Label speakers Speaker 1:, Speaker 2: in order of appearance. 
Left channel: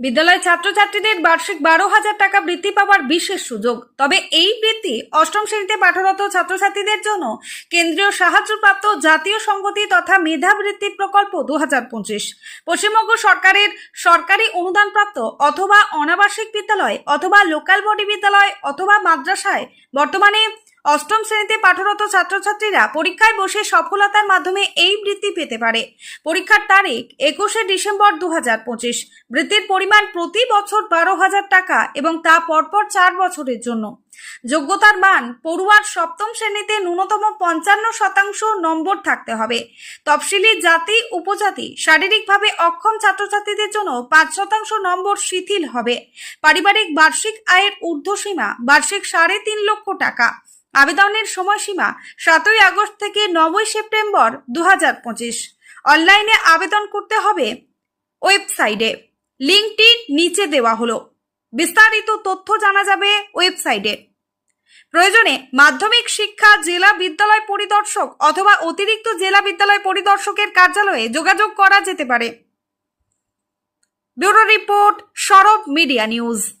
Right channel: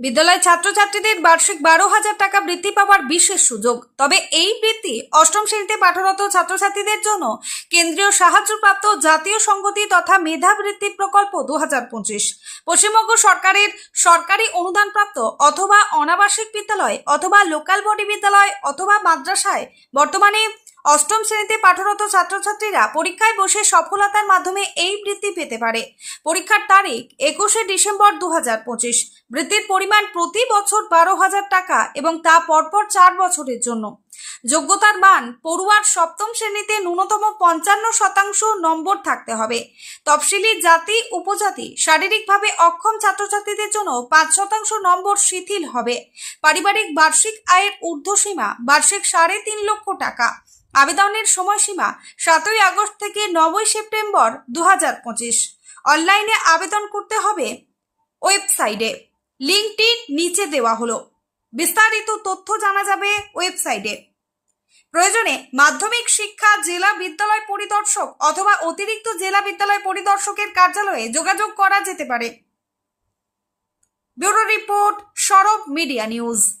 Speaker 1: বিদ্যালয় ছাত্রছাত্রীদের বার্ষিক বারো হাজার টাকা বৃত্তি পাওয়ার বিশেষ সুযোগ। তবে এই বৃত্তি অষ্টম শ্রেণীতে পাঠরত ছাত্রছাত্রীদের জন্য কেন্দ্রীয় সাহায্যপ্রাপ্ত জাতীয় সংগতি তথা মেধাবৃত্তি প্রকল্প দু হাজার পঁচিশ। পশ্চিমবঙ্গ সরকারের সরকারি অনুদানপ্রাপ্ত অথবা অনাবাসিক বিদ্যালয় অথবা লোকাল বডি বিদ্যালয় অথবা মাদ্রাসায় বর্তমানে অষ্টম শ্রেণীতে পাঠরত ছাত্রছাত্রীরা পরীক্ষায় বসে সফলতার মাধ্যমে এই বৃত্তি পেতে পারে। পরীক্ষার তারিখ একুশে ডিসেম্বর দু হাজার পঁচিশ। বৃত্তির পরিমাণ প্রতি বছর বারো হাজার টাকা এবং তা পরপর চার বছরের জন্য। যোগ্যতার মান পড়ুয়ার সপ্তম শ্রেণীতে ন্যূনতম পঞ্চান্ন শতাংশ নম্বর থাকতে হবে। তফসিলি জাতি, উপজাতি শারীরিকভাবে অক্ষম ছাত্রছাত্রীদের জন্য পাঁচ শতাংশ নম্বর শিথিল হবে। পারিবারিক বার্ষিক আয়ের ঊর্ধ্বসীমা বার্ষিক সাড়ে তিন লক্ষ টাকা। আবেদনের সময়সীমা সাতই আগস্ট থেকে নবই সেপ্টেম্বর দু হাজার পঁচিশ। অনলাইনে আবেদন করতে হবে ওয়েবসাইটে। লিঙ্কটি নিচে দেওয়া হলো। বিস্তারিত তথ্য জানা যাবে ওয়েবসাইটে। প্রয়োজনে মাধ্যমিক শিক্ষা জেলা বিদ্যালয় পরিদর্শক অথবা অতিরিক্ত জেলা বিদ্যালয় পরিদর্শকের কার্যালয়ে যোগাযোগ করা যেতে পারে। Bureau report Sorob media news.